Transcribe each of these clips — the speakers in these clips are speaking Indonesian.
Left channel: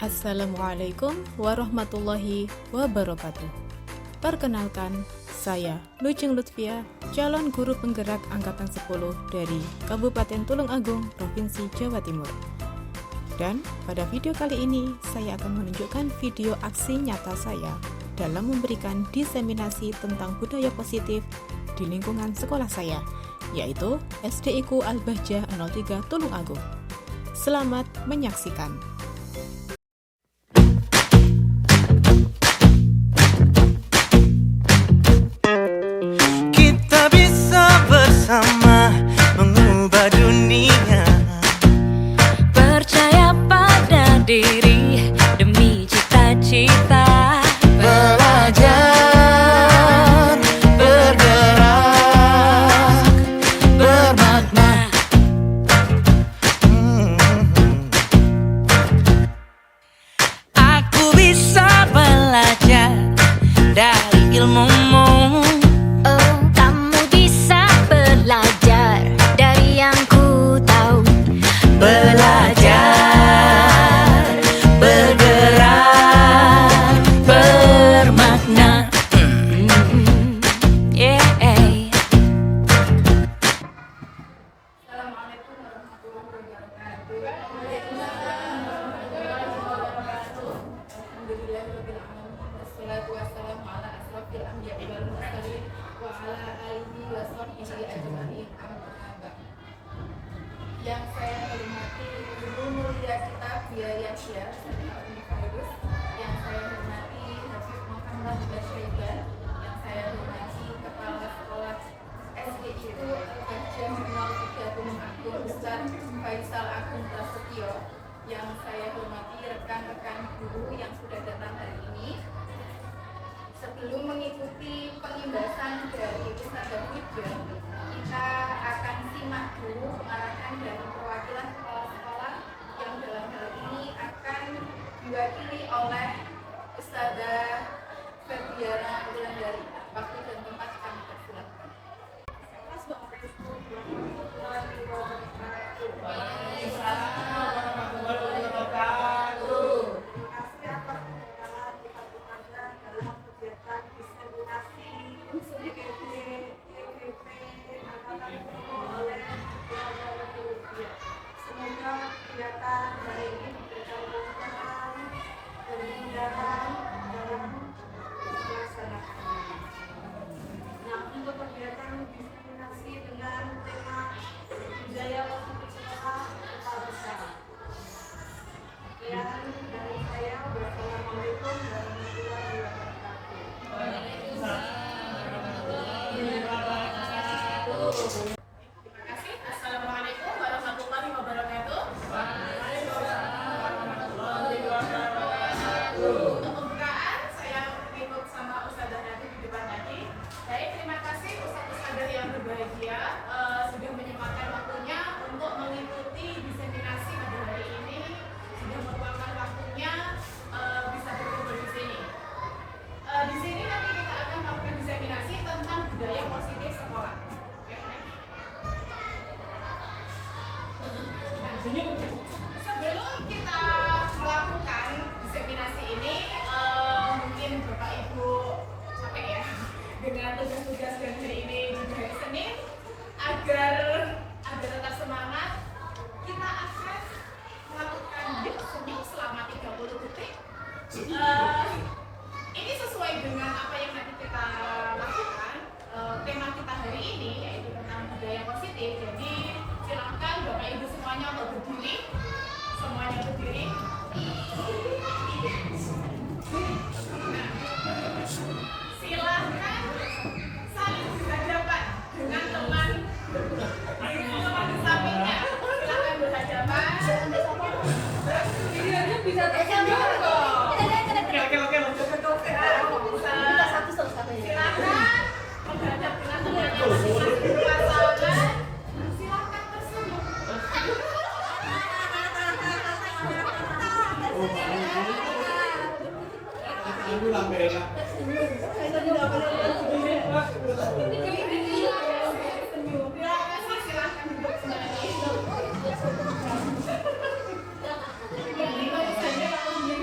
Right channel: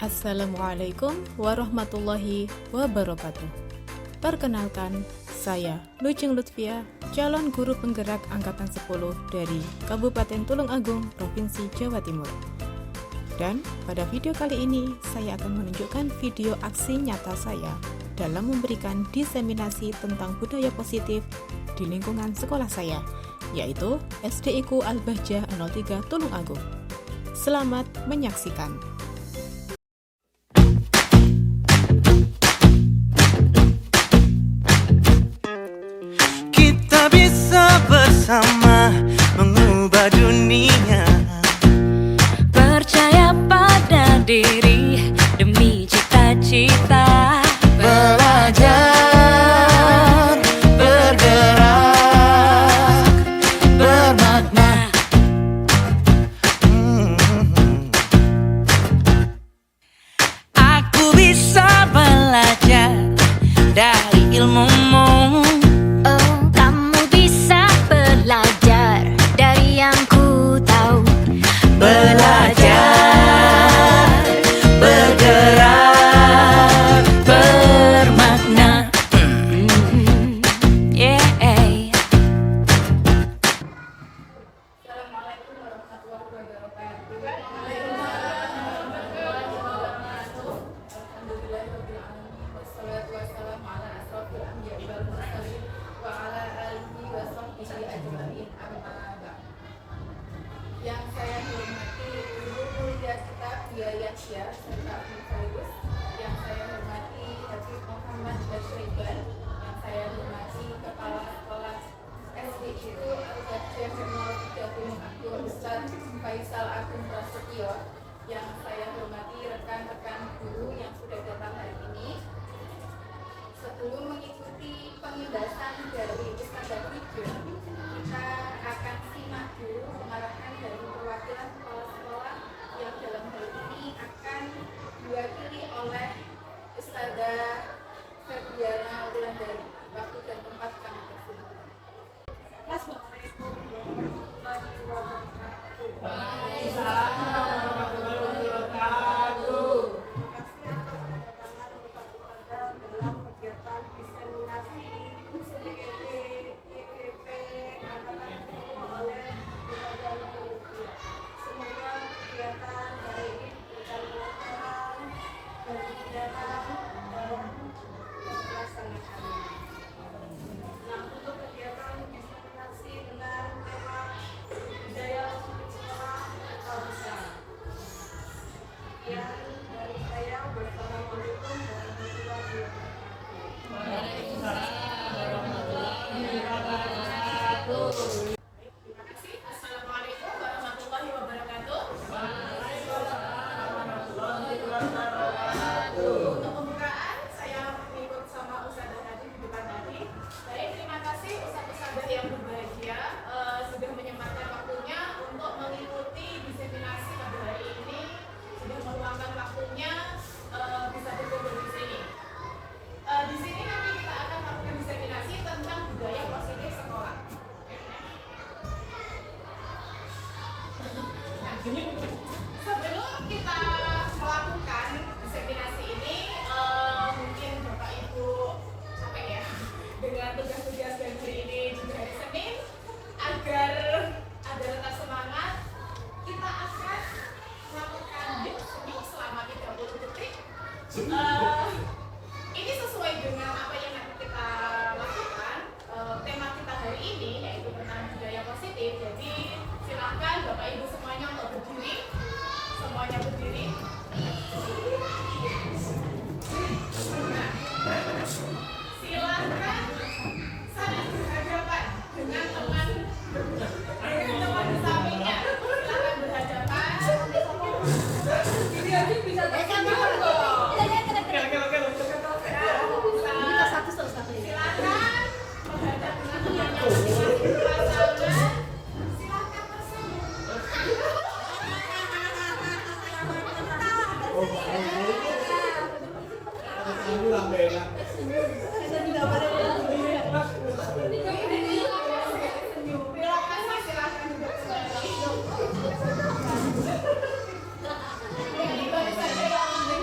Assalamualaikum warahmatullahi wabarakatuh. Perkenalkan, saya Lujeng Lutfia, calon guru penggerak Angkatan 10 dari Kabupaten Tulungagung, Provinsi Jawa Timur. Dan pada video kali ini, saya akan menunjukkan video aksi nyata saya dalam memberikan diseminasi tentang budaya positif di lingkungan sekolah saya, yaitu SDIku Al-Bahjah 03 Tulungagung. Selamat menyaksikan. Bersama mengubah dunia, percaya pada diri demi cita-cita, belajar, bergerak, bermakna. Aku bisa belajar dari ilmumu. Belajar, bergerak, bermakna. Assalamualaikum warahmatullahi wabarakatuh. Alhamdulillahirabbil alamin wassalatu wassalamu ala asrofil anbiya'i wal mursalin wa ala alihi wa sahbihi ajmain amma ba'd. Yang saya hormati Ibu Mulia kita Biayasya serta Univerus, yang saya hormati Habib Muhammad Basyaiban, yang saya hormati Kepala Sekolah SDIku Al-Bahjah 03 Tulungagung Ustaz Faisal Agung Prasetyo, yang saya hormati rekan-rekan guru yang sudah datang hari ini. Sebelum mengikuti pengindasan dari Ustaz Hidayah, kita akan simak dulu pengarahan dari perwakilan sekolah-sekolah yang dalam hal ini akan diwakili oleh Ustazah Febriana Wulandari. Waktu dan tempat kami persilakan. Assalamualaikum warahmatullahi wabarakatuh. Warahmatullahi wabarakatuh. Terima kasih atas undangan kepada dalam kegiatan diseminasi EKP Angkatan 10 oleh Keluarga Rupiah. Semoga kegiatan hari ini diberikan kemudahan dan kemudahan dalam melaksanakannya. Nah, untuk kegiatan diseminasi dengan tema budaya sekolah kebangsaan. Sekian dari saya. Wassalamualaikum warahmatullahi wabarakatuh. Terima kasih. Assalamualaikum warahmatullahi wabarakatuh. Untuk pembukaan, saya ikut sama Ustazah tadi di depan tadi. Baik, terima kasih Ustazah yang berbahagia sudah menyempatkan waktunya untuk mengikuti diseminasi pada hari ini, sudah meluangkan waktunya bisa berkumpul di sini. Di sini nanti kita akan melakukan diseminasi tentang budaya positif sekolah. Sebelum kita melakukan diseminasi ini, mungkin Bapak Ibu capek ya dengan tugas-tugas dan hari ini juga hari Senin, agar tetap semangat, kita akan melakukan senyum selama 30 detik. Ini sesuai dengan apa yang nanti kita lakukan. Tema kita hari ini yaitu tentang budaya positif. Jadi silakan Bapak Ibu semuanya untuk berdiri. Semuanya berdiri. Nah, silakan saling berhadapan dengan teman di sampingnya. Silakan berhadapan. Ini aja bisa tersenyum kok. Silakan menghadap dengan temannya masing-masing pasangan. Silakan tersenyum. Terima kasih. Silakan duduk kembali. Ini baru saja yang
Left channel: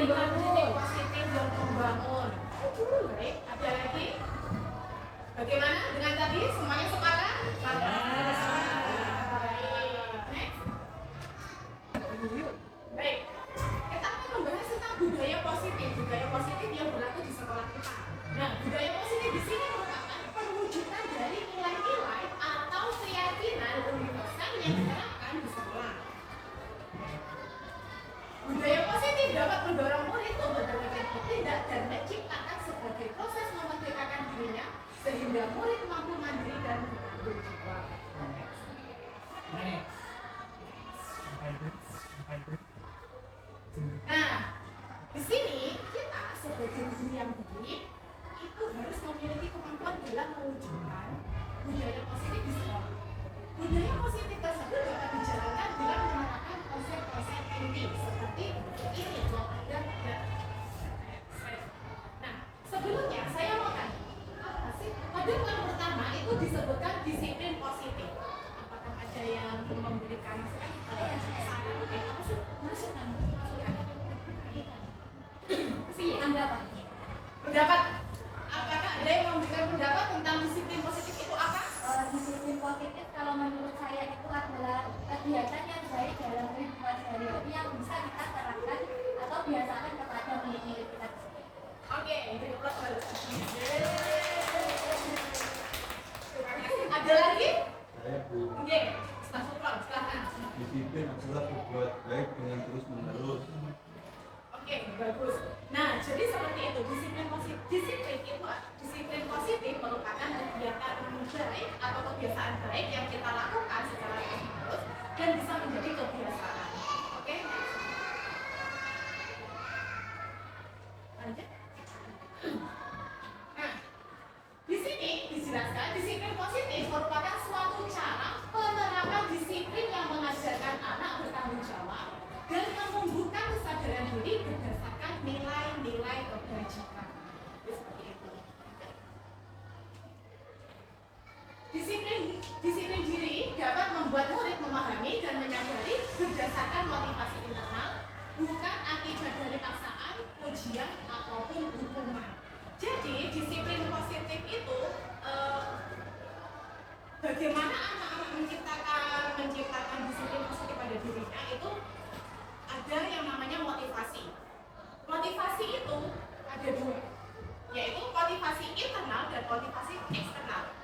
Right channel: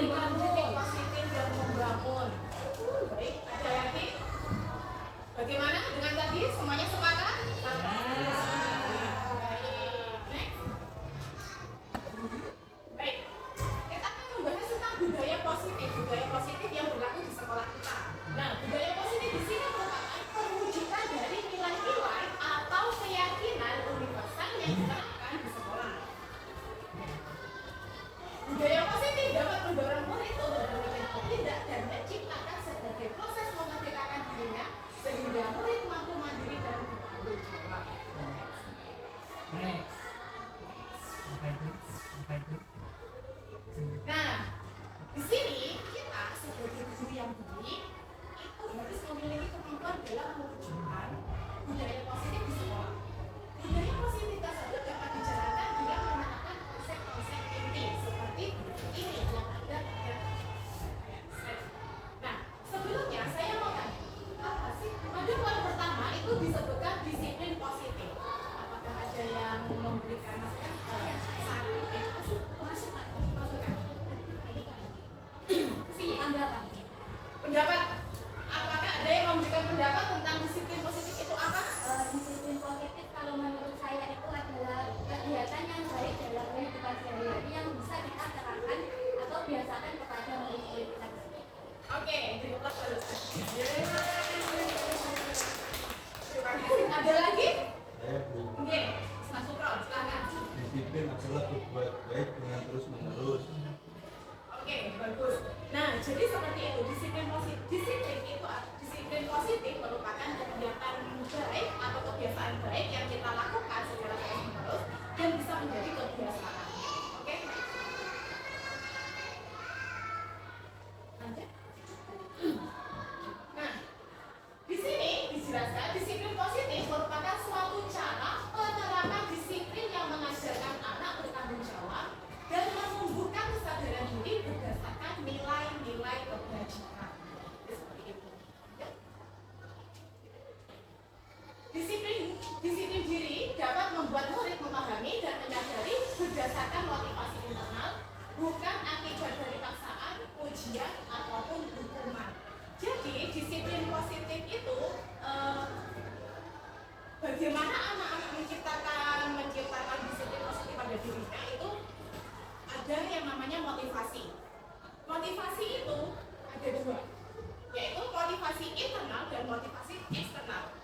memberikan kritik positif yang membangun. Baik, ada lagi? Bagaimana dengan tadi? Semuanya sepakat? Baik. Baik. Kita akan membahas tentang budaya positif yang berlaku di sekolah kita. Nah, budaya positif di sini merupakan perwujudan dari nilai-nilai atau keyakinan universal yang diterapkan di sekolah. Budaya positif dapat mendorong murid untuk berpikir bertindak dan menciptakan sebagai proses memerdekakan dirinya sehingga murid mampu mandiri dan bertanggung jawab. Nah, di sini kita sebagai guru yang baik itu harus memiliki kemampuan dalam mewujudkan budaya positif di sekolah. Budaya positif tersebut dapat dijalankan dengan menerapkan konsep-konsep inti seperti ini yang ada pada slide. Nah, sebelumnya saya mau tanya, apa sih? Pada poin pertama itu disebutkan disiplin positif. Apakah ada yang memberikan saran? Masukan. Pendapat. Apakah ada yang memberikan pendapat tentang disiplin positif itu apa? Disiplin positif kalau menurut saya itu adalah kegiatan yang baik dalam kehidupan sehari-hari yang bisa kita terapkan atau biasakan kepada murid-murid kita. Oke, jadi plus baru. Terima kasih. Ada lagi? Saya Bu, Oke, Mas Sukron, silahkan. disiplin adalah berbuat baik dengan terus menerus. Oke, bagus. Nah, jadi seperti itu disiplin positif. Disiplin positif merupakan kegiatan baik atau kebiasaan baik yang kita lakukan secara terus-menerus dan bisa menjadi kebiasaan. Oke? Lanjut. Nah, di sini dijelaskan disiplin positif merupakan suatu cara penerapan disiplin yang mengajarkan anak bertanggung jawab dan menumbuhkan kesadaran diri berdasarkan nilai-nilai kebajikan. Seperti itu. Disiplin diri dapat membuat murid memahami dan menyadari berdasarkan motivasi internal, bukan akibat dari paksaan, ujian, ataupun hukuman. Jadi disiplin positif itu bagaimana anak-anak menciptakan disiplin positif pada dirinya itu ada yang namanya motivasi. Motivasi itu ada dua, yaitu motivasi internal dan motivasi eksternal.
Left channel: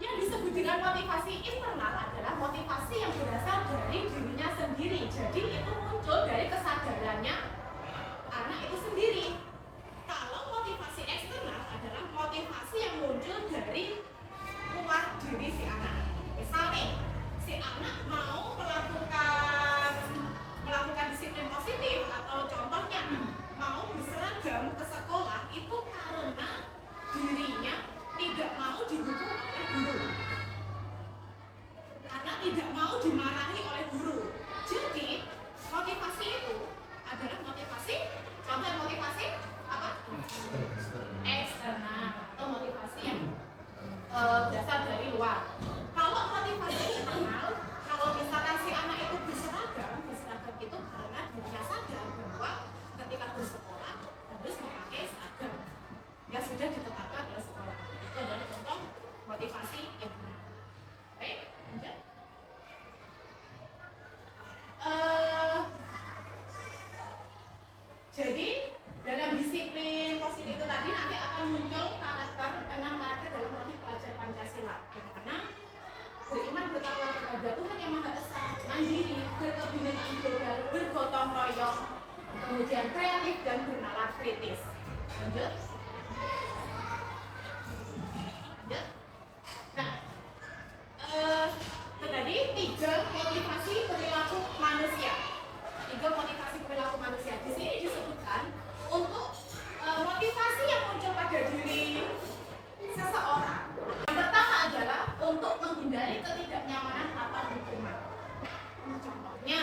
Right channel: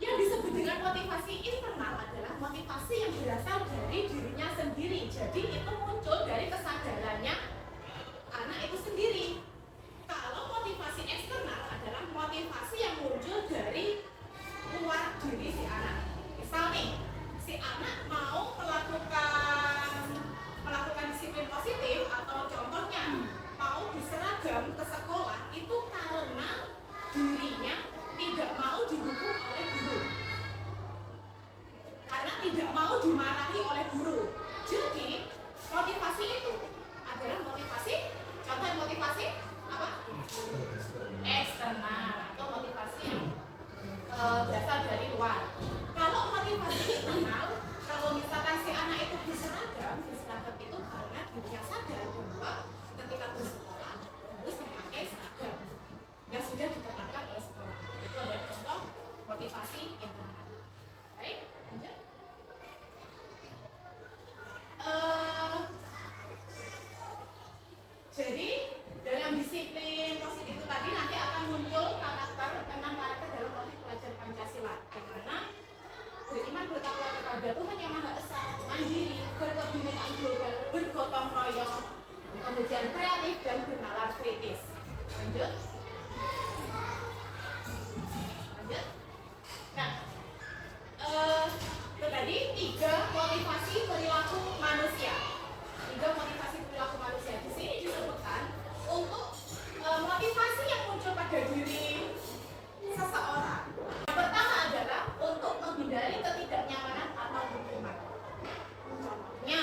Yang disebut dengan motivasi internal adalah motivasi yang berasal dari dirinya sendiri. Jadi itu muncul dari kesadarannya anak itu sendiri. Kalau motivasi eksternal adalah motivasi yang muncul dari luar diri si anak. Misalnya, si anak mau melakukan disiplin positif atau contohnya mau berseragam ke sekolah itu karena dirinya tidak mau dihukum oleh guru, karena tidak mau dimarahi oleh guru. Jadi motivasi itu adalah motivasi, contoh motivasi apa? Eksternal atau motivasi yang berasal dari luar. Kalau motivasi internal, kalau misalkan si anak itu berseragam itu karena dirinya sadar bahwa ketika bersekolah harus memakai seragam yang sudah ditetapkan oleh sekolah. Itu adalah contoh motivasi internal. Baik, lanjut. Jadi dalam disiplin positif itu tadi nanti akan muncul karakter 6 karakter dalam motif pelajar Pancasila, di mana beriman bertakwa kepada Tuhan Yang Maha Esa, mandiri, berkebinekaan global, bergotong royong, kemudian kreatif dan bernalar kritis. Lanjut. Nah, itu tadi 3 motivasi perilaku manusia. 3 motivasi perilaku manusia. Di sini disebutkan untuk motivasi yang muncul pada diri seseorang. Yang pertama adalah untuk menghindari ketidaknyamanan atau hukuman. Contohnya,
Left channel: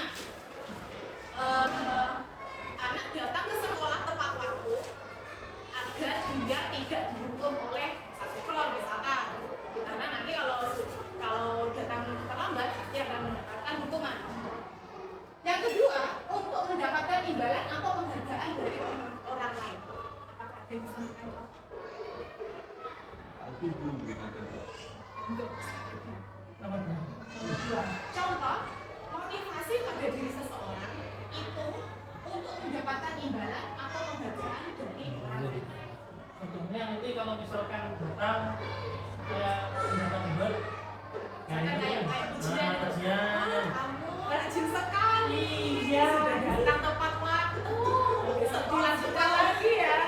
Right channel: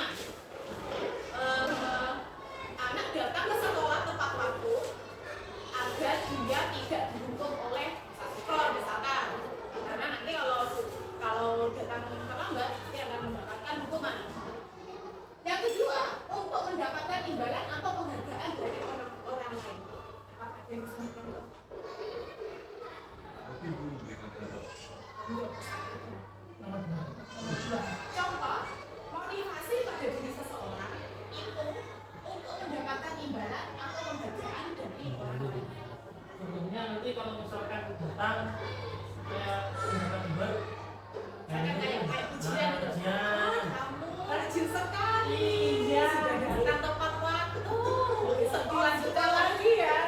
anak datang ke sekolah tepat waktu agar dia tidak dihukum oleh satpol misalkan, karena nanti kalau datang terlambat dia akan mendapatkan hukuman. Yang kedua, untuk mendapatkan imbalan atau penghargaan Contoh, motivasi pada diri seseorang itu untuk mendapatkan imbalan atau penghargaan dari orang lain. Contohnya nanti kalau misalkan datang kayak datang ber Kayak ujian. ujian. Kamu rajin sekali. Iya. Sudah datang tepat waktu. Besok dilanjutkan lagi ya.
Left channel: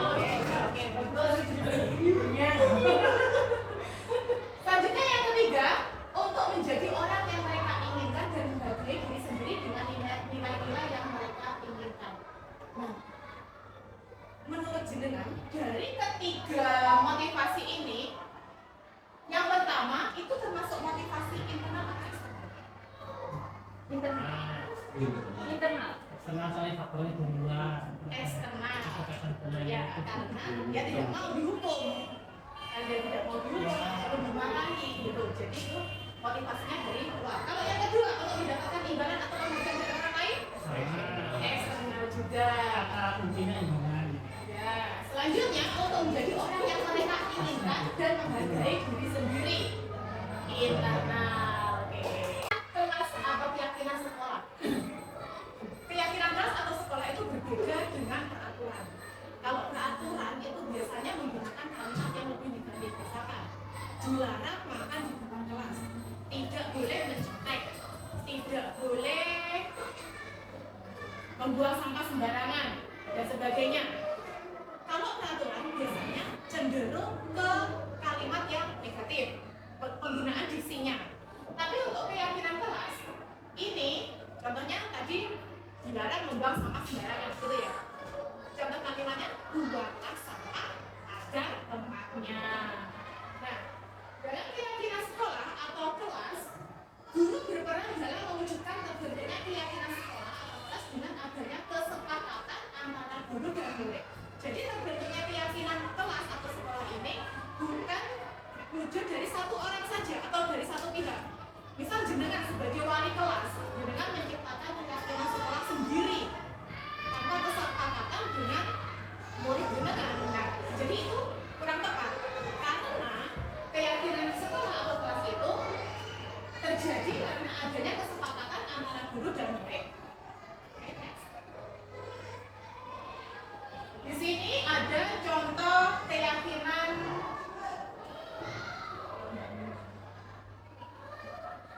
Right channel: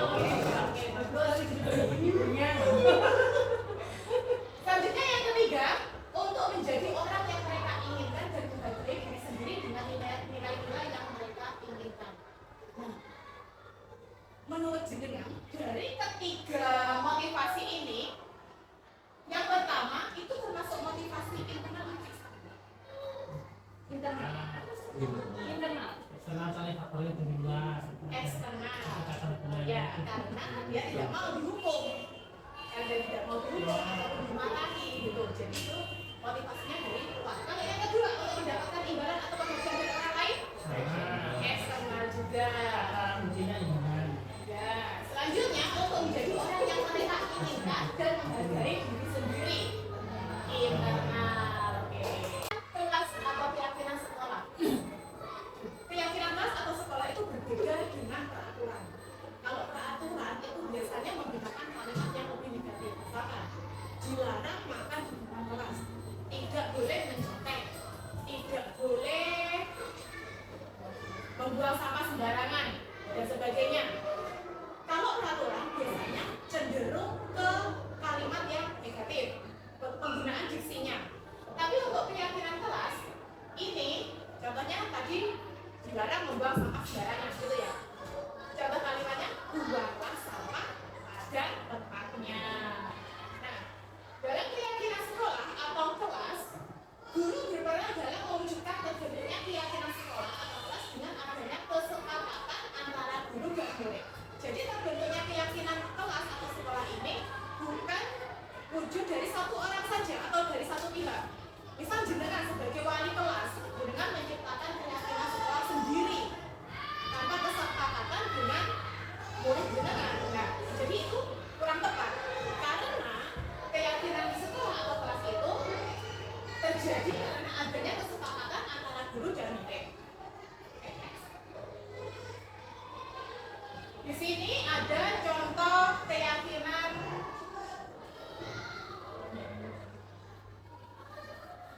Oke, bagus. Selanjutnya yang ketiga, untuk menjadi orang yang mereka inginkan dan menghargai diri sendiri dengan nilai-nilai yang mereka inginkan. Nah, menurut jenengan, dari ketiga motivasi ini, yang pertama itu termasuk motivasi internal atau eksternal? Internal. Iya. Internal. Senang sekali faktornya berubah. Eksternal. Kekerasan budaya. Ya, karena dia tidak mau dihukum. Dia tidak mau dihukum atau dimarahi gitu. Jadi itu motivasinya dari luar. Kalau yang kedua, untuk mendapatkan imbalan atau penghargaan dari orang lain, eksternal juga. Kata kuncinya iman. Ya, selanjutnya untuk menjadi orang yang mereka inginkan dan menghargai diri sendiri. Internal, oke. Kelas atau keyakinan sekolah. Keyakinan kelas atau sekolah itu berbeda dengan peraturan. Kalau peraturan itu biasanya menggunakan kalimat yang lebih negatif. Misalkan, dilarang makan di depan kelas, tidak boleh mencontek, tidak boleh membuang sampah sembarangan, dan sebagainya. Kalau peraturan biasanya cenderung ke kalimat yang negatif, penggunaan diksinya. Tapi untuk keyakinan kelas, ini contohnya tadi dilarang membuang sampah sembarangan, gitu ya. Contoh kalimatnya, buanglah sampah pada tempatnya. Nah, dalam keyakinan sekolah atau kelas, guru berperan dalam mewujudkan terbentuknya keyakinan sekolah atau kelas dengan adanya kesepakatan antara guru dan murid. Jadi terbentuknya keyakinan kelas atau sekolah ini bukan wujud dari satu orang saja atau dari satu pihak. Misal jenengan sebagai wali kelas, jenengan menciptakan keyakinan sekolah sendiri tanpa kesepakatan dengan murid jenengan. Nah, jadi itu kurang tepat karena keyakinan sekolah atau kelas itu terjadi karena adanya kesepakatan antara guru dan murid. Oke, next. Di sini ada contoh keyakinan.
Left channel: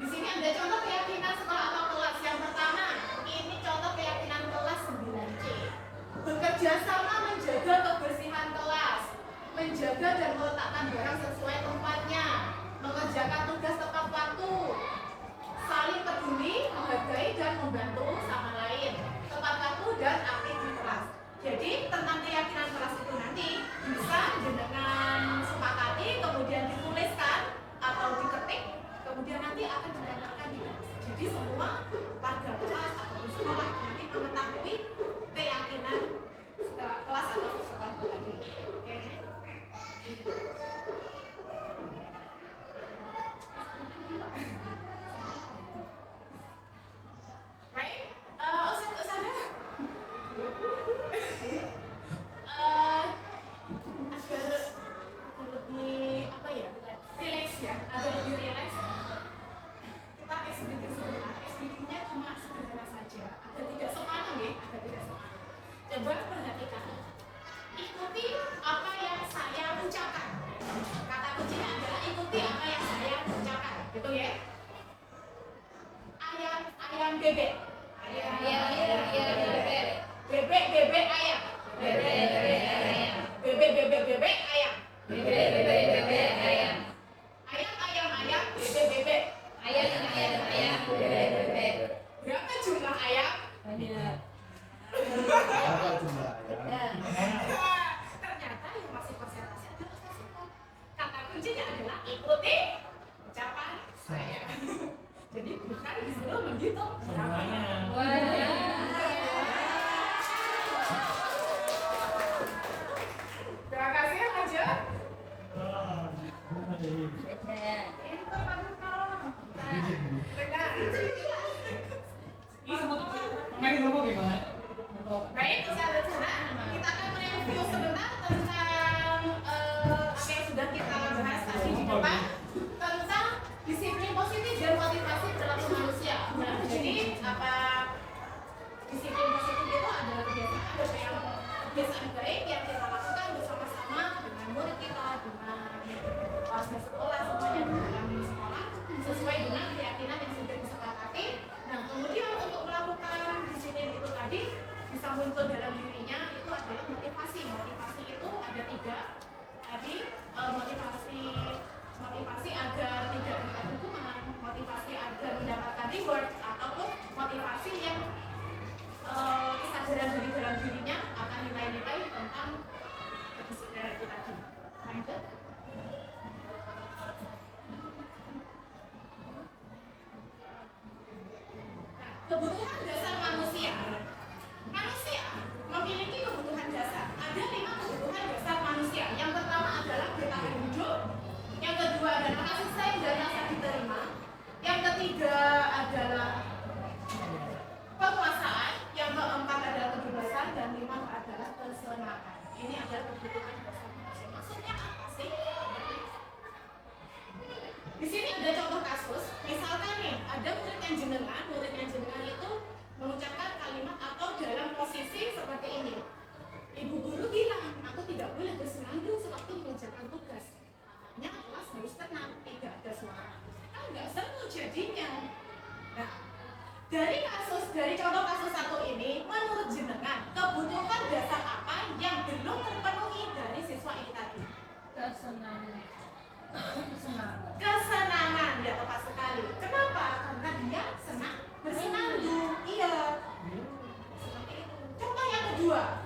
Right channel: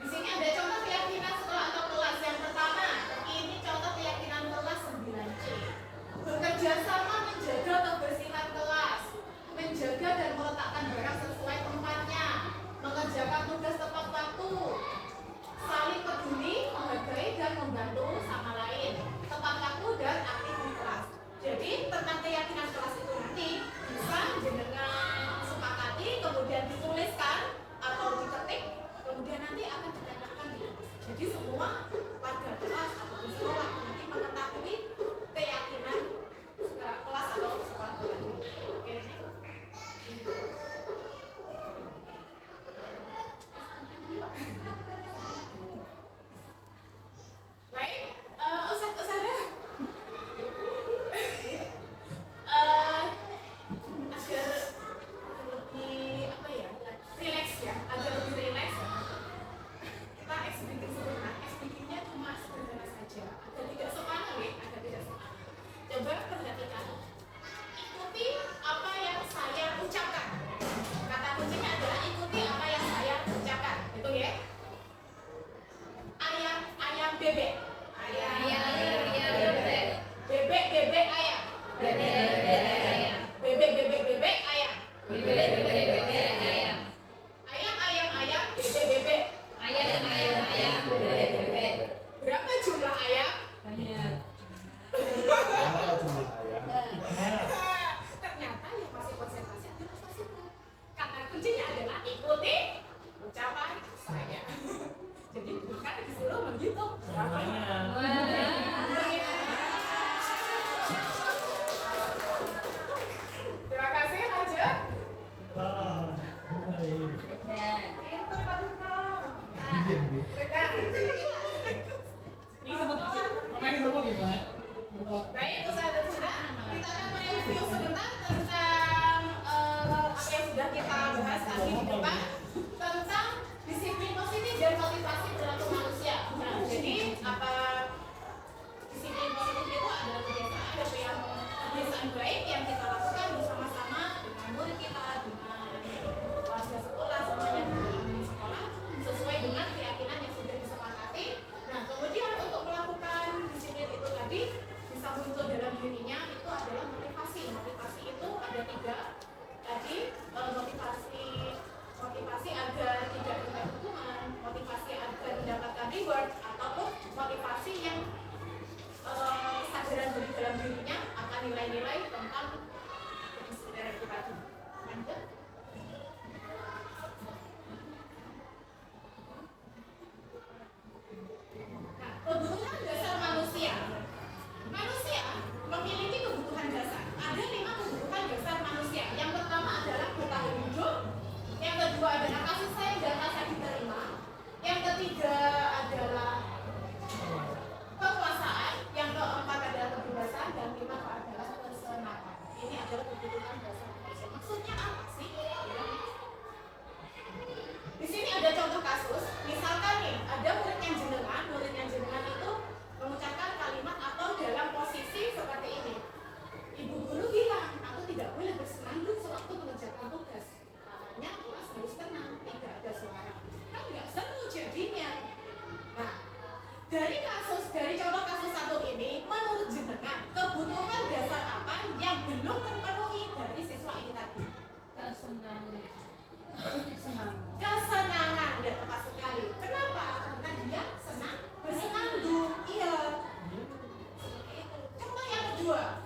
Di sini ada contoh keyakinan sekolah atau kelas. Yang pertama, ini contoh keyakinan kelas 9C. Bekerja sama menjaga kebersihan kelas, menjaga dan meletakkan barang sesuai tempatnya, mengerjakan tugas tepat waktu, saling peduli, menghargai dan membantu sama lain, tepat waktu dan aktivitas. Jadi tentang keyakinan kelas itu nanti bisa jenengan sepakati, kemudian dituliskan atau diketik, kemudian nanti akan ditempelkan di kelas. Jadi semua warga kelas atau sekolah nanti mengetahui keyakinan kelas atau sekolah ini. Oke. Baik, Ustazah. Agar lebih apa ya, relax ya, agar lebih relax, kita sedikit sebentar. Sedikitnya cuma sederhana saja, agar tidak sepanjang ya, agar tidak sepanjang. Coba perhatikan, ikuti apa yang saya ucapkan. Kata kuncinya adalah ikuti apa yang saya ucapkan, gitu ya. Ayam ayam bebek, ayam bebek, bebek bebek ayam, bebek bebek bebek ayam, ayam ayam ayam bebek bebek, berapa jumlah ayam? Berapa jumlah ayam? Ternyata yang masih konsentrasi adalah saksikan. Kata kuncinya adalah ikuti ucapan saya. Jadi bukan disuruh menghitung berapa. Terima kasih, lanjut. Itu Baik, Ustazah Zahra, kita akan mereview sebentar tentang apa yang sudah kita bahas tadi di depan. disiplin positif itu ada kebiasaan baik yang kita lakukan bersama-sama dengan murid kita, dengan warga sekolah, semuanya di dalam sekolah sesuai dengan keyakinan yang sudah disepakati. Nah, kemudian untuk melakukan disiplin itu tadi bisa muncul dalam dirinya itu adalah motivasi. Motivasi itu ada 3 tadi, motivasi agar tidak mendapat hukuman, motivasi agar mendapatkan reward, ataupun motivasi yang kesadaran dari dalam dirinya akan nilai-nilai tentang kedisiplinan itu tadi. Lanjut. Nah, kebutuhan dasar manusia. Manusia memiliki kebutuhan dasar. Ada 5 kebutuhan dasar manusia. Yang pertama adalah bertahan hidup. Yang kedua adalah kasih sayang dan rasa diterima. Yang ketiga adalah kekuasaan. Yang keempat adalah kebebasan. Dan 5 adalah kesenangan. Ini adalah kebutuhan dasar manusia. Maksudnya apa sih? Di sini ada contoh kasus. Misalkan nih, ada murid yang jenengan itu mengucapkan kalimat atau dalam posisi seperti ini. Ibu guru bilang, aku tidak boleh bersenandung sewaktu mengerjakan tugas. Makanya kelas harus tenang, tidak ada suara. Kan nggak seru jadinya. Nah, dari contoh kasus satu ini, menurut jenengan, kebutuhan dasar apa yang belum terpenuhi dari siswa ini tadi? Kesenangan, ya tepat sekali. Kenapa? Karena dia senang bersenandung. Iya. Seperti itu. Contoh yang kedua,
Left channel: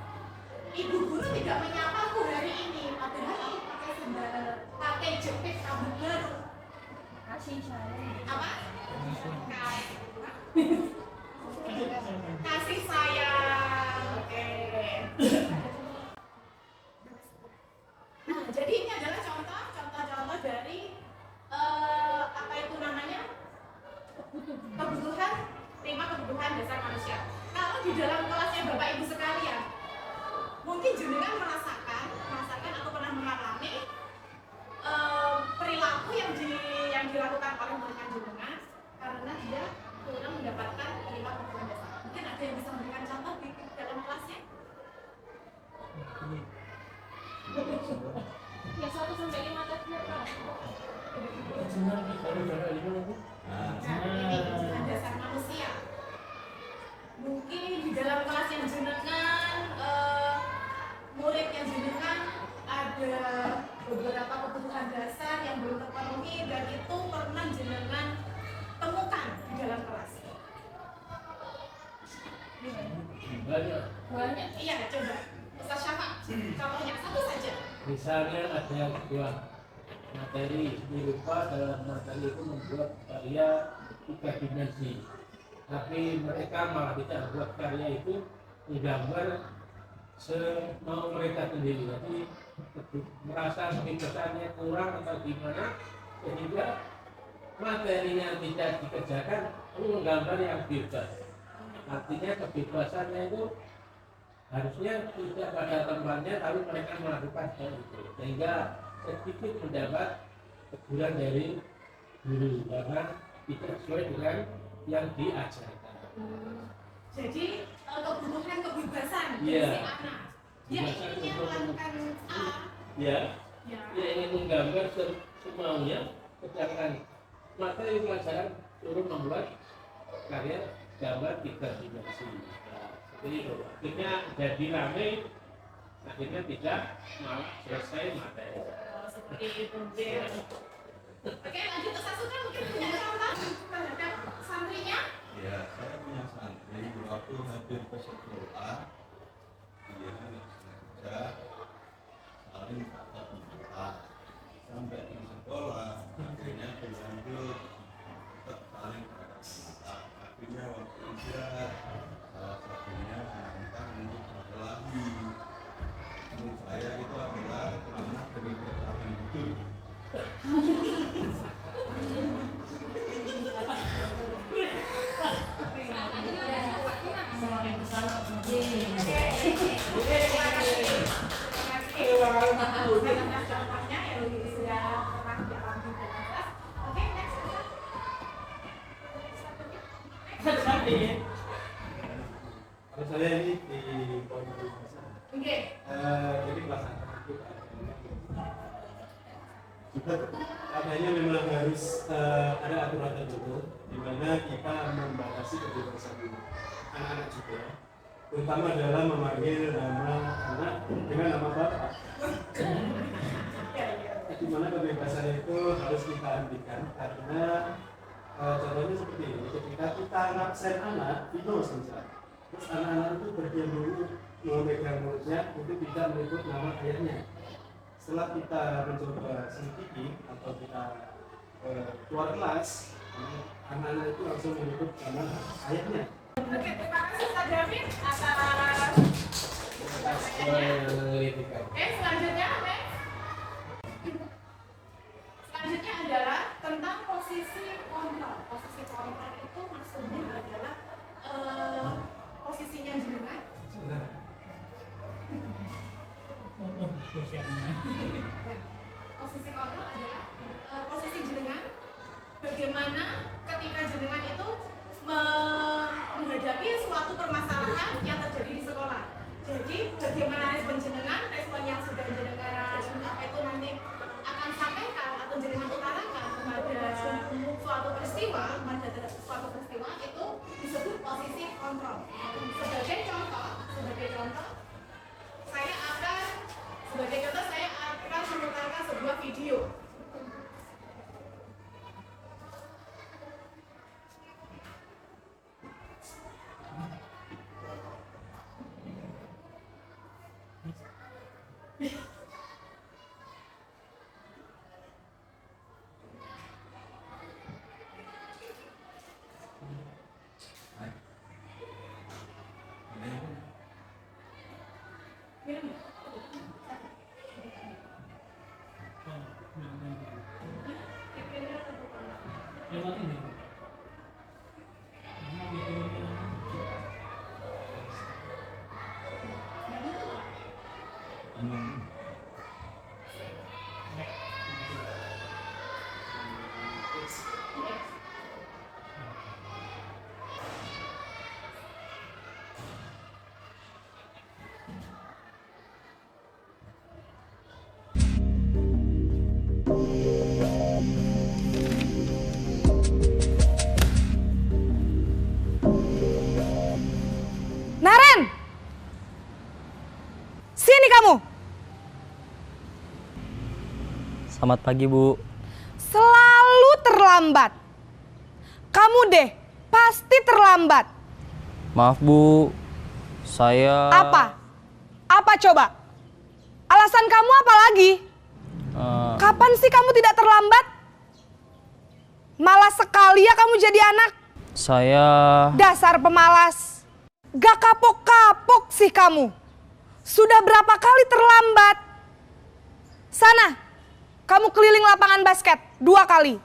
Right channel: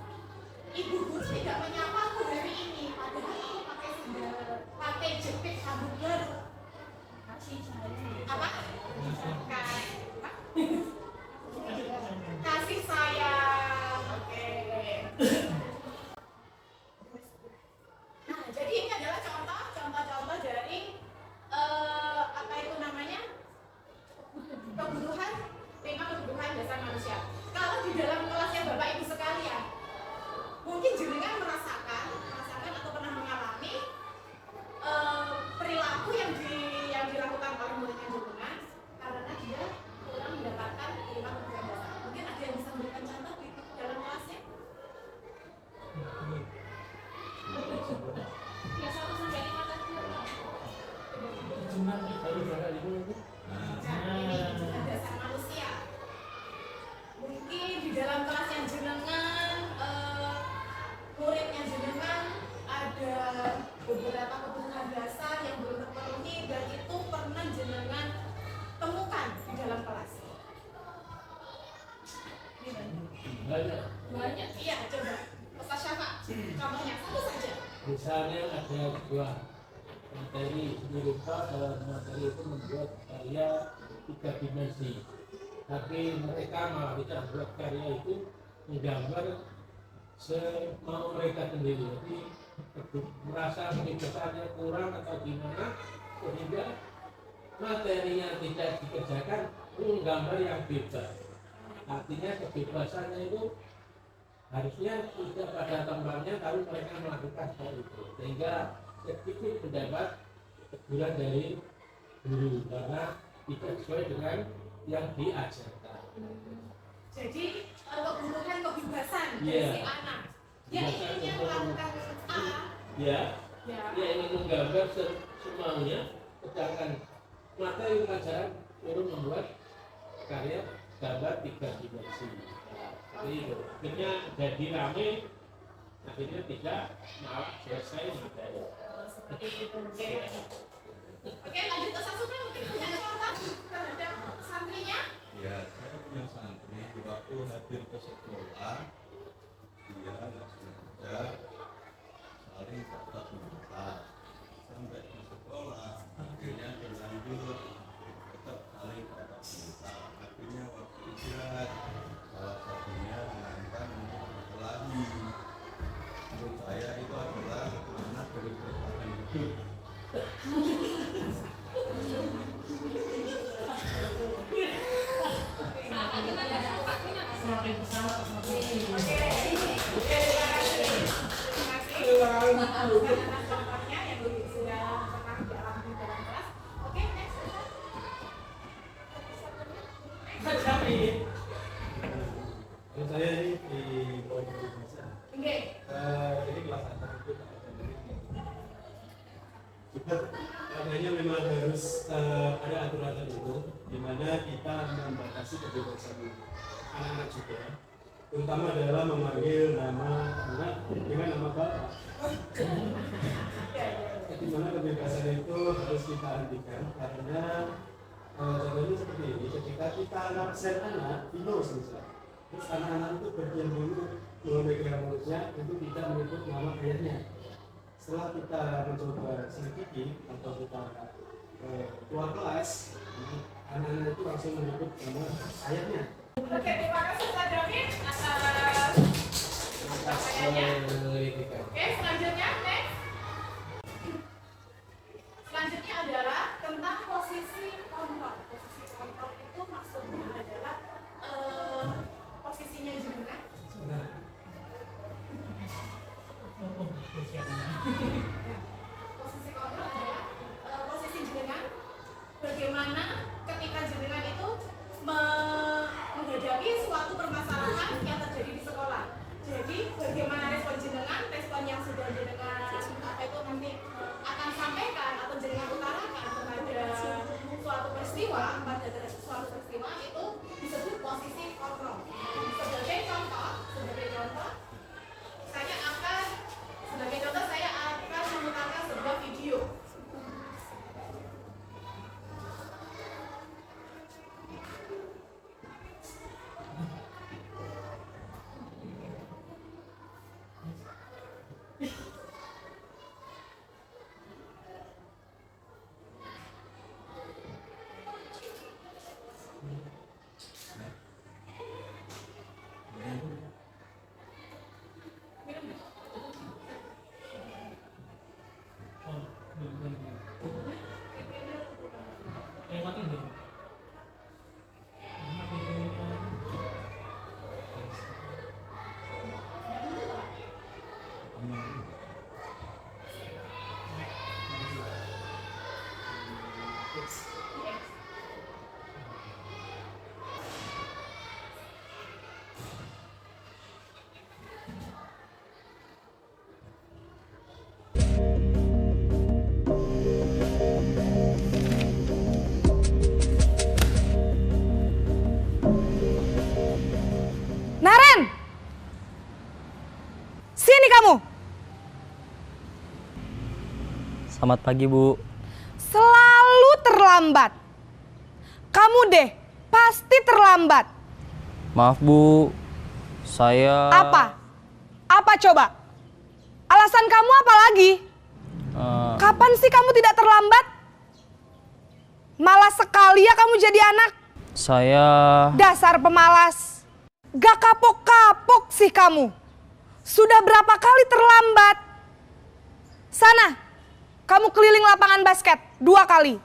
ibu guru tidak menyapa aku hari ini, padahal aku pakai jepit rambut baru. Kasih sayang. Apa? Kasih sayang. Oke. Nah, jadi ini adalah contoh dari apa itu namanya? Kebutuhan, 5 kebutuhan dasar manusia. Kalau di dalam kelasnya Bapak Ibu sekalian, mungkin jenengan merasakan atau pernah mengalami perilaku yang dilakukan oleh murid jenengan karena dia kurang mendapatkan 5 kebutuhan dasar. Mungkin ada yang bisa memberikan contoh di dalam kelasnya? Ya 1 sampai 5 tadi apa? Ini kebutuhan dasar manusia. Mungkin di dalam kelas yang jenengan, murid yang jenengan ada beberapa kebutuhan dasar yang belum terpenuhi dan itu pernah jenengan temukan di dalam kelas. Banyak. Iya, coba. Ustaz Syafa, contohnya satu saja. Misalnya ada sebuah materi dirupa dalam materi itu membuat karya 3 dimensi, tapi mereka malah tidak membuat karya itu menggambar semau mereka sendiri. Jadi merasa kebebasannya kurang atau gimana, sehingga materinya tidak dikerjakan menggambar yang bebas. Artinya kebebasannya itu harusnya tidak pada tempatnya, tapi mereka melakukan hal itu, sehingga sedikit mendapat teguran dari guru karena tidak sesuai dengan yang diajarkan. Jadi kebutuhan kebebasan dari Iya. si anak. Dia inginnya melakukan A. Ya, Ya. dia ingin menggambar semaunya, sedangkan materi pelajaran suruh membuat karya gambar 3 dimensi. Jadi itu akhirnya jadi rame, akhirnya tidak malah selesai materi. Seperti itu. Oke, lanjut ke Sasuke, mungkin punya contoh terhadap santrinya. Ya, saya punya santri waktu hadir ke sekolah, dia nggak sengaja saling tatap muka sampai di sekolah, akhirnya berlanjut tetap saling tatap muka. Akhirnya waktu istirahat salah satunya menantang untuk berkelahi. Menurut saya itu adalah karena dari bertahan hidup. Semakin kesana semakin Contohnya yang sudah pernah dialami dalam kelas. Oke, next. jadi Kalau saya ini di poin besar. Oke. Ini kelas atas itu Pak. Katanya memang harus ada aturan tertentu di mana kita membatasi kebebasan anak-anak juga, terutama dalam memanggil nama anak dengan nama bapak. Di mana kebebasan itu harus kita hentikan karena contohnya seperti ini, ketika kita ngabsen anak di nos misalnya, terus anak-anak itu berdiam dulu memegang mulutnya untuk tidak menyebut nama ayahnya. Setelah kita mencoba selidiki atau kita keluar kelas, anak-anak itu langsung menyebut nama ayahnya. Oke, terima kasih Pak David atas Pendidikan. Oke, selanjutnya next. Selanjutnya adalah tentang posisi kontrol. Posisi kontrol itu maksudnya adalah posisinya jenengan. Posisi kontrol adalah posisi jenengan. Bagaimana ketika jenengan itu menghadapi suatu permasalahan yang terjadi di sekolah. Jadi bagaimana respon jenengan, respon yang sudah jenengan itu nanti akan sampaikan atau jenengan utarakan kepada suatu peristiwa itu disebut posisi kontrol. Sebagai contoh, saya akan memutarkan sebuah video. Naren! Sini kamu! Selamat pagi, Bu. Selalu terlambat. Kamu deh, pasti terlambat. Maaf, Bu. Saya... Apa? Apa coba? Alasan kamu apa lagi? Kapan sih kamu tidak terlambat? Malas sekali ya kamu jadi anak. Saya... Dasar pemalas. Gak kapok-kapok sih kamu. Sudah berapa kali terlambat? Sana, kamu keliling lapangan basket 2 kali.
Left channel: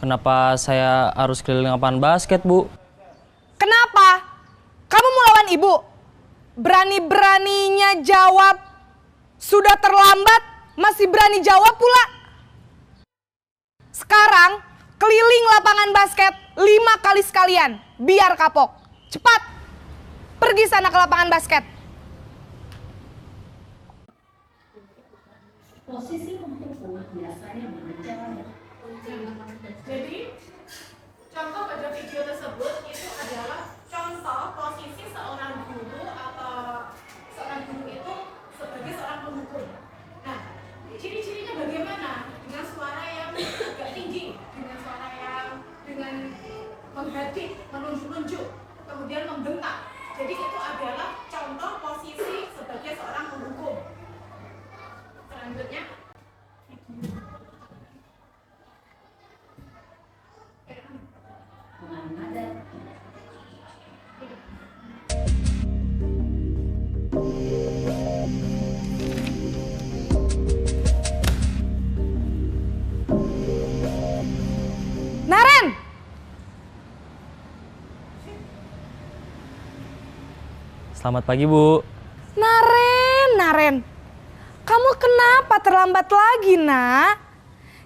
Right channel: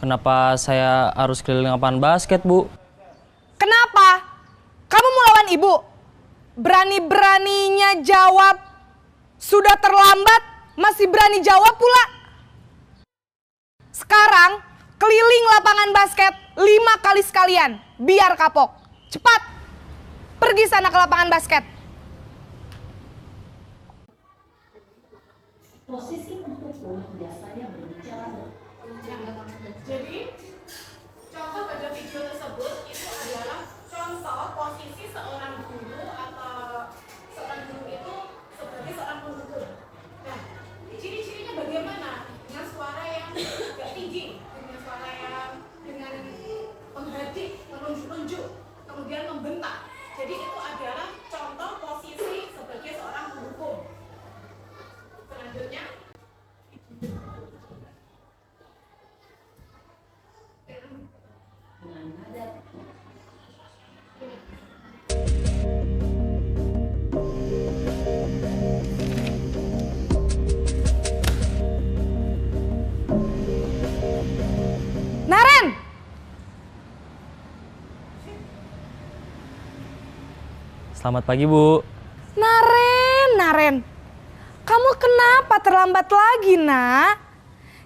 Kenapa saya harus keliling lapangan basket, Bu? Kenapa? Kamu mau lawan ibu? Berani-beraninya jawab. Sudah terlambat, masih berani jawab pula. Sekarang, keliling lapangan basket 5 kali sekalian. Biar kapok. Cepat. Pergi sana ke lapangan basket. Posisi mendukung biasanya berbicara. Jadi contoh pada video tersebut itu adalah contoh posisi seorang guru atau seorang guru itu sebagai seorang pendukung. Nah, ciri-cirinya bagaimana? Dengan suara yang agak tinggi, dengan suara yang dengan menghadik, menunjuk-nunjuk, kemudian membentak. Jadi itu adalah contoh posisi sebagai seorang pendukung. Selanjutnya, Dengan nada Naren! Selamat pagi, Bu. Naren. Kamu kenapa terlambat lagi, nak?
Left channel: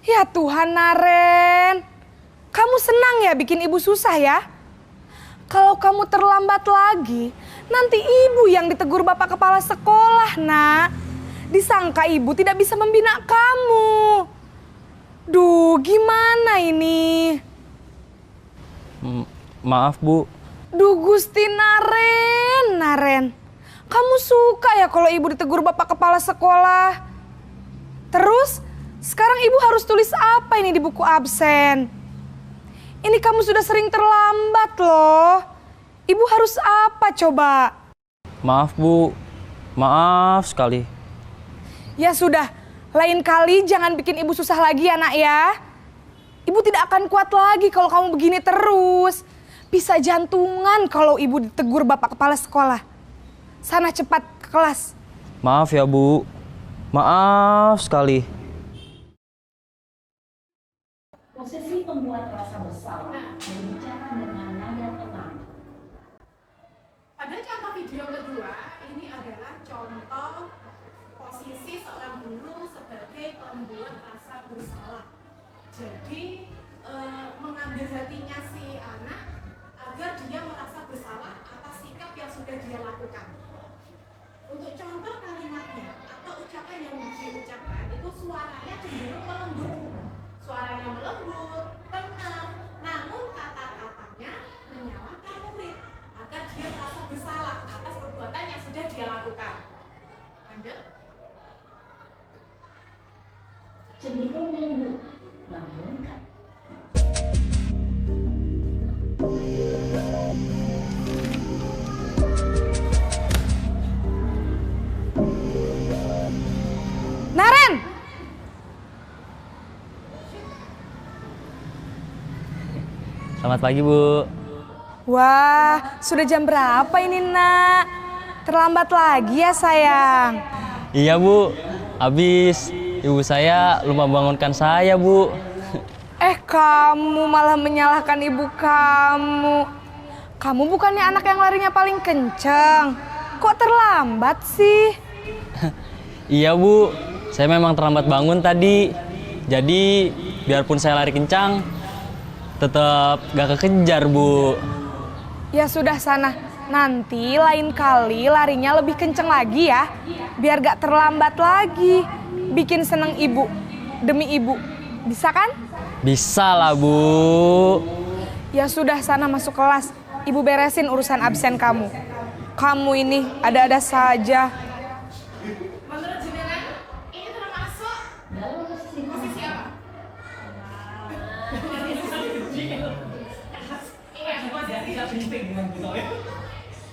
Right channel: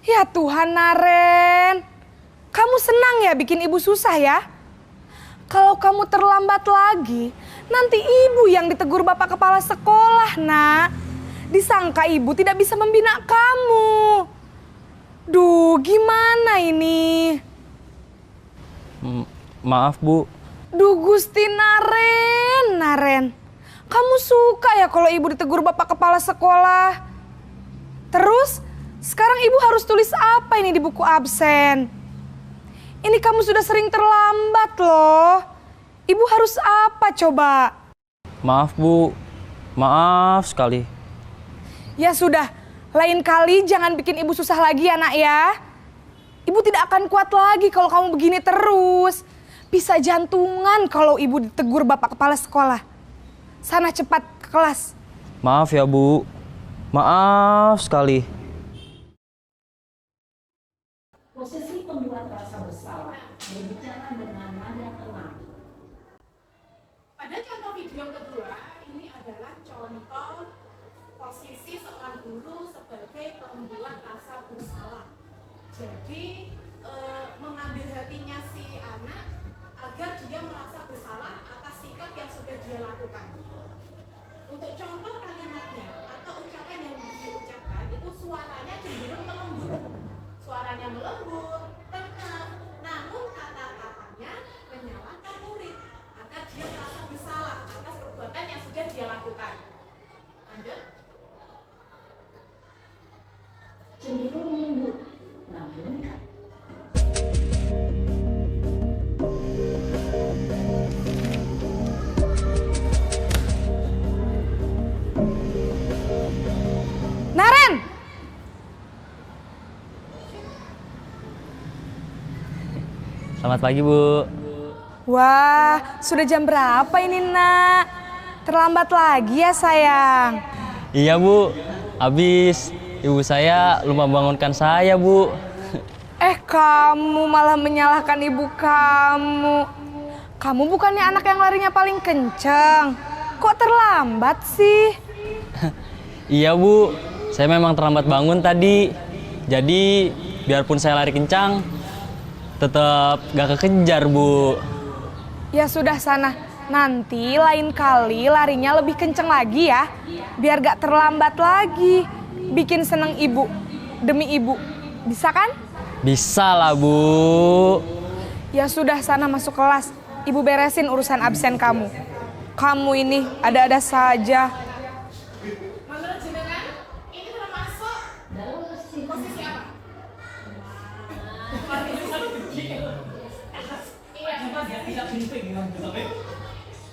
Ya Tuhan, Naren. Kamu senang ya bikin ibu susah ya? Kalau kamu terlambat lagi, Nanti ibu yang ditegur bapak kepala sekolah, nak. Disangka ibu tidak bisa membina kamu. Duh, gimana ini? Maaf, Bu. Duh, Gusti Naren. Kamu suka ya kalau ibu ditegur bapak kepala sekolah? Terus, sekarang ibu harus tulis apa ini di buku absen? Ini kamu sudah sering terlambat loh. Ibu harus apa coba? Maaf, Bu. Maaf sekali. Ya sudah, lain kali jangan bikin ibu susah lagi ya, nak ya. Ibu tidak akan kuat lagi kalau kamu begini terus. Bisa jantungan kalau ibu ditegur bapak kepala sekolah. Sana cepat ke kelas. Maaf ya, Bu. Maaf sekali. Posisi pembuat rasa bersalah berbicara dengan nada tenang. Pada contoh video kedua, ini adalah contoh posisi seorang guru sebagai pembuat rasa bersalah. Jadi mengambil hatinya si anak agar dia merasa bersalah atas sikap yang sudah dia lakukan. Untuk contoh kalimatnya atau ucapan yang diucapkan itu suaranya cenderung melembut. Suaranya melembut, tenang, namun kata-katanya menyalahkan murid agar dia merasa bersalah atas perbuatan yang sudah dia lakukan. Lanjut. Cenderung lembut, namun Naren! Selamat pagi, Bu. Wah, sudah jam berapa ini, nak? Terlambat lagi ya, sayang. Iya, Bu. Habis ibu saya lupa bangunkan saya, Bu. Kamu malah menyalahkan ibu kamu. Kamu bukannya anak yang larinya paling kenceng. Kok terlambat sih? Iya, Bu. Saya memang terlambat bangun tadi. Jadi, biarpun saya lari kencang, tetap gak kekejar, Bu. Ya sudah sana. Nanti lain kali larinya lebih kenceng lagi ya. Biar gak terlambat lagi. Bikin seneng ibu. Demi ibu. Bisa kan? Bisa lah, Bu. Ya sudah sana masuk kelas. Ibu beresin urusan absen kamu. Kamu ini ada-ada saja. Menurut jenengan, ini termasuk posisi apa?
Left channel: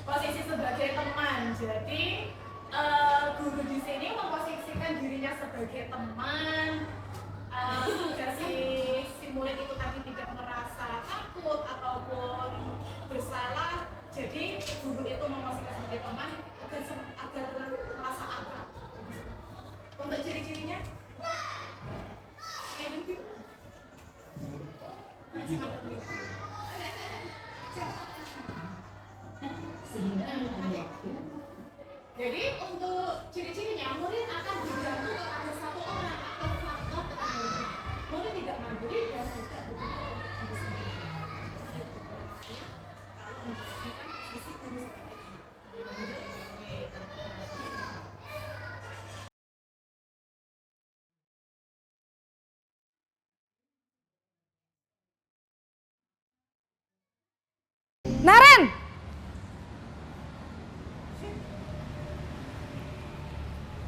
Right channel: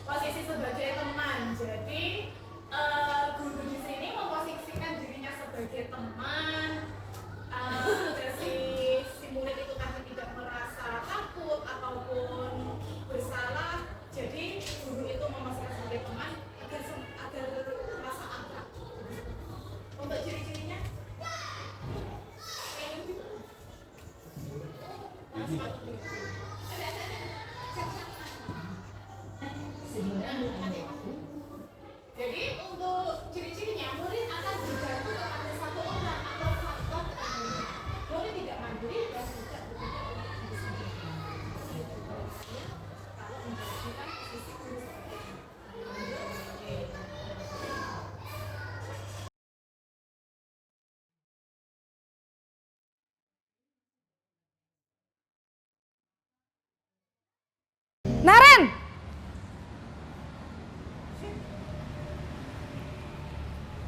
Posisi sebagai teman. Jadi guru di sini memposisikan dirinya sebagai teman agar si murid itu tadi tidak merasa takut ataupun bersalah. Jadi guru itu memposisikan sebagai teman agar merasa akrab. Untuk ciri-cirinya? Jadi untuk ciri-cirinya murid akan bergantung kepada satu orang atau faktor keterangan. Murid tidak mandiri dan tidak betul-betul diri sendiri. Kalau menjadikan sisi guru seperti ini. Naren!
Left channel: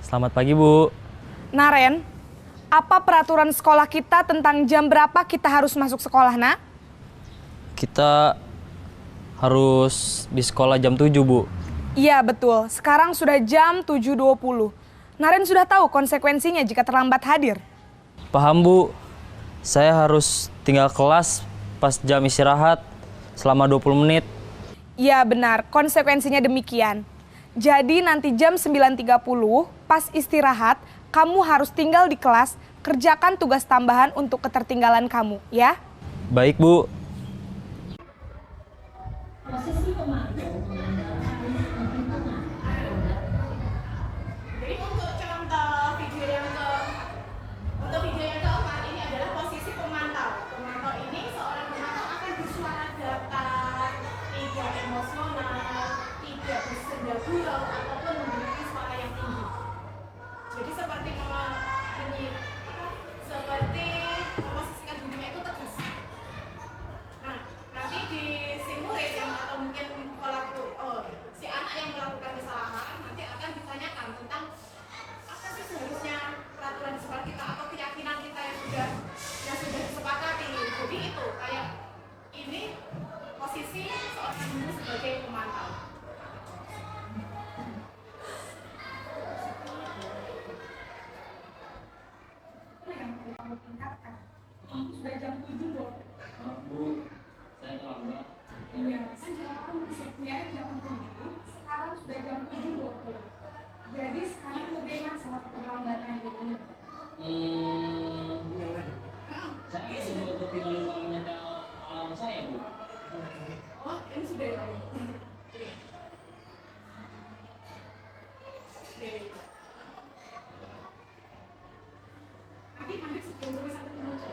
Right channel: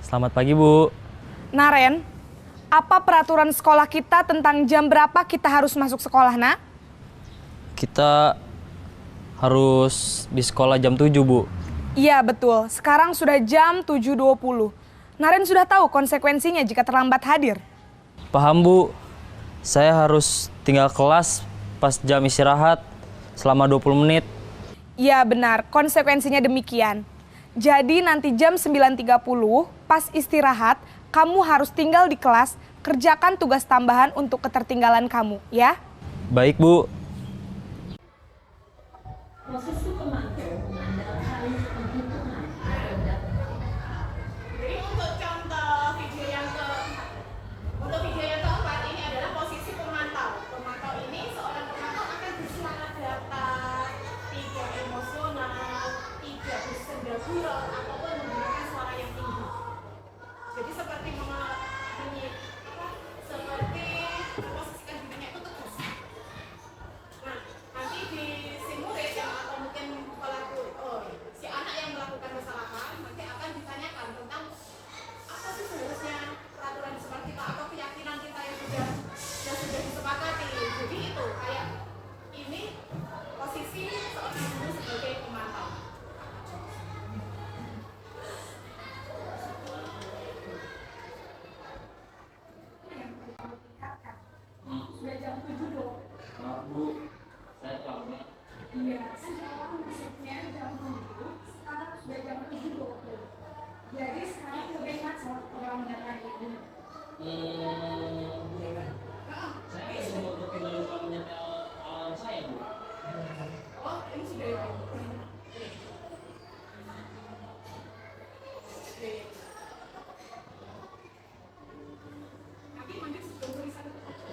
Selamat pagi, Bu. Naren, apa peraturan sekolah kita tentang jam berapa kita harus masuk sekolah, nak? Kita harus di sekolah jam 7, Bu. Iya, betul. Sekarang sudah jam 7.20. Naren sudah tahu konsekuensinya jika terlambat hadir. Paham, Bu. Saya harus tinggal kelas pas jam istirahat selama 20 menit. Iya, benar. Konsekuensinya demikian. Jadi nanti jam 9.30 pas istirahat, kamu harus tinggal di kelas, kerjakan tugas tambahan untuk ketertinggalan kamu, ya? Baik, Bu. Posisi pemantau mengandalkan penghitungan atau data. Jadi untuk contoh video yang keempat ini adalah posisi pemantau. Pemantau ini seorang pemantau akan bersuara datar, tidak emosional, tidak bersuara sudah jam 7.20. Jadi sekarang bagaimana soal keterlambatan itu? Saya sudah untuk lupa menyetel alarm saya, Bu. Oh, ini sudah ya. Nanti mandi sebelum tulisan itu muncul.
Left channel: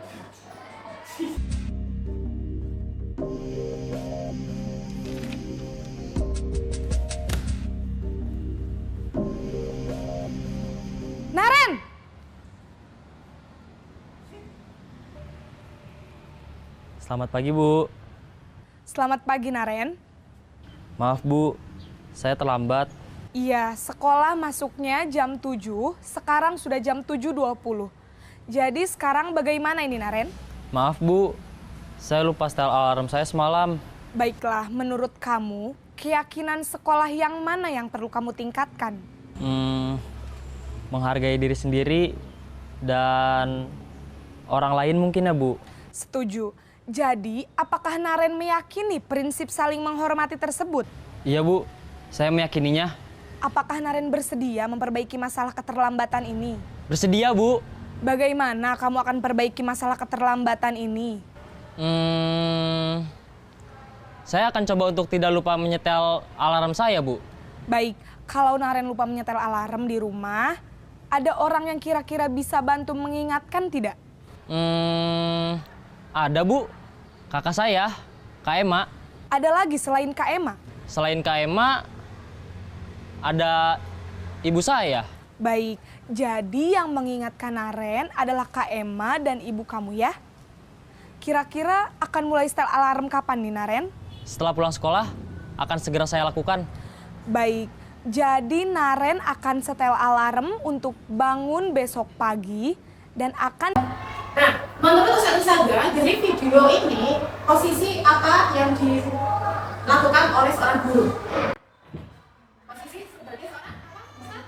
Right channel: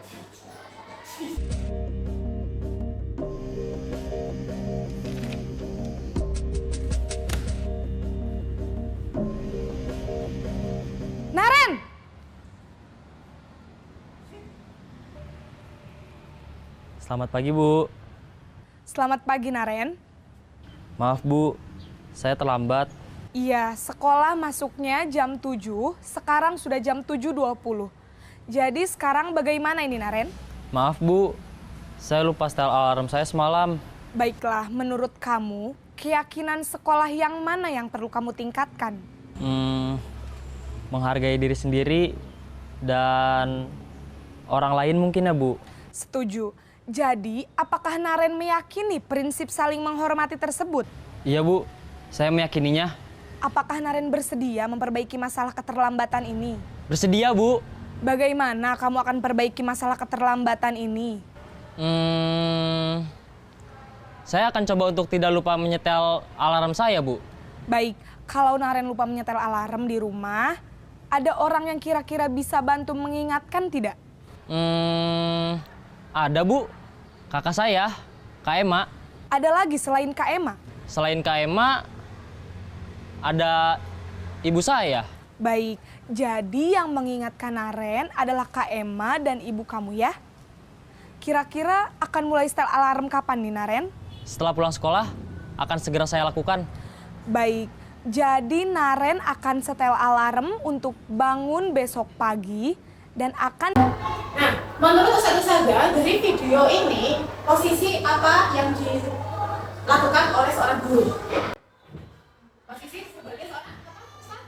Naren! Selamat pagi, Bu. Selamat pagi, Naren. Maaf, Bu. Saya terlambat. Iya, sekolah masuknya jam 7, sekarang sudah jam 7.20. Jadi sekarang bagaimana ini, Naren? Maaf, Bu. Saya lupa setel alarm saya semalam. Baiklah, menurut kamu, keyakinan sekolah yang mana yang perlu kamu tingkatkan? Menghargai diri sendiri dan orang lain mungkin ya, Bu. Setuju. Jadi, apakah Naren meyakini prinsip saling menghormati tersebut? Iya, Bu. Saya meyakininya. Apakah Naren bersedia memperbaiki masalah keterlambatan ini? Bersedia, Bu. Bagaimana kamu akan perbaiki masalah keterlambatan ini? Saya akan coba untuk tidak lupa menyetel alarm saya, Bu. Baik, kalau Naren lupa menyetel alarm di rumah, ada orang yang kira-kira bisa bantu mengingatkan tidak? Ada, Bu. Kakak saya, Kak Ema. Ada lagi selain Kak Ema? Selain Kak Ema, ada ibu saya. Baik, jadi yang mengingatkan Naren adalah Kak Ema dan ibu kamu ya? Kira-kira akan mulai setel alarm kapan nih, Naren? Setelah pulang sekolah, akan segera saya lakukan. Baik, jadi Naren akan setel alarm untuk bangun besok pagi dan akan... Nah, menurut Ustaz Saga, dari video ini, posisi apa yang dilakukan oleh seorang guru? Posisi sebagai seorang apa, Ustaz?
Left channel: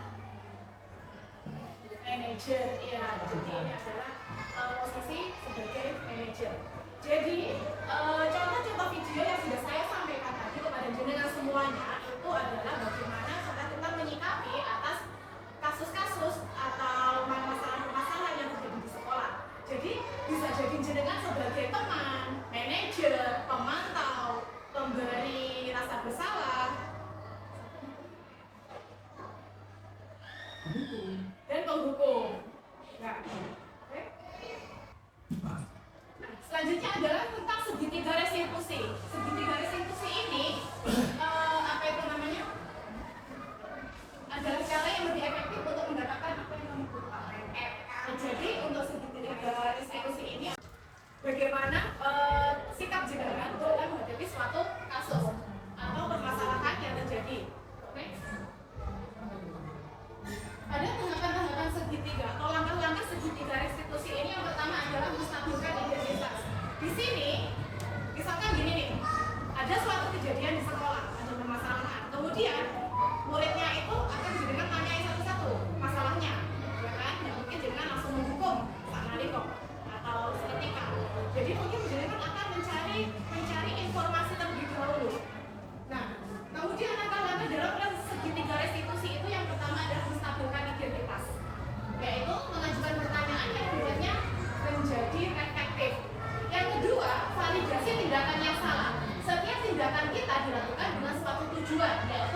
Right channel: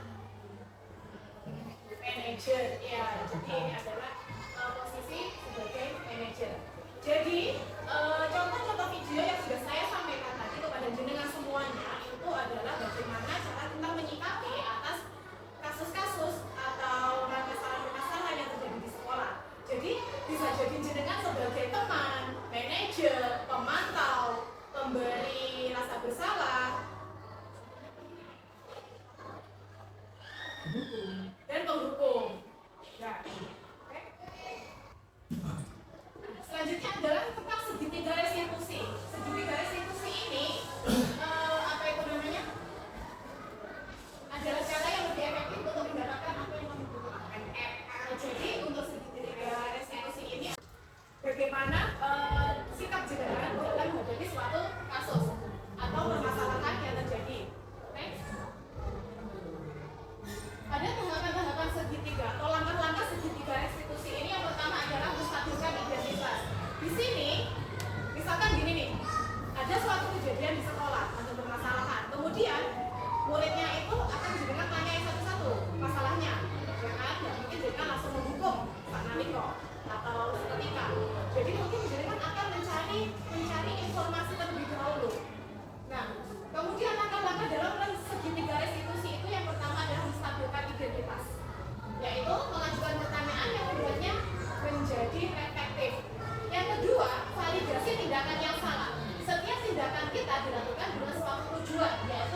Manajer, ya. Jadi ini adalah posisi sebagai manajer. Jadi, contoh-contoh video yang sudah saya sampaikan tadi kepada jenengan semuanya, itu adalah bagaimana cara kita menyikapi atas kasus-kasus atau masalah-masalah yang terjadi di sekolah. Jadi bisa jadi jenengan sebagai teman, manajer, pemantau, pemberi rasa bersalah, dan penghukum. Nah, oke. Selanjutnya adalah tentang segitiga restitusi. Segitiga restitusi ini apa itu namanya? Adalah cara yang lebih efektif untuk mendapatkan apa yang membutuhkan. Jadi untuk segitiga restitusi ini, bagaimana sikap jenengan dalam menghadapi suatu kasus atau permasalahan yang terjadi. Oke? Ada tahapan-tahapan segitiga atau langkah-langkah segitiga restitusi ini. Yang pertama adalah menstabilkan identitas. Di sini, misalkan gini nih, ada suatu kejadian di sekolah atau permasalahan. Kemudian muridnya itu akan jenengan tanyai satu-satu masalahnya, ya kan? Dan mungkin jenengan langsung menghukum Pak Naliko atau seketika. Jadi mungkin jenengan akan mencari informasi terlebih dahulu. Nah, kemudian langkah-langkah dalam segitiga restitusi itu yang pertama adalah menstabilkan identitas, yaitu mengajukan pertanyaan yang membuatnya menjadi efektif. Yang kedua, validasi tindakan yang salah. Setiap tindakan kita dilakukan dengan suatu tujuan, yaitu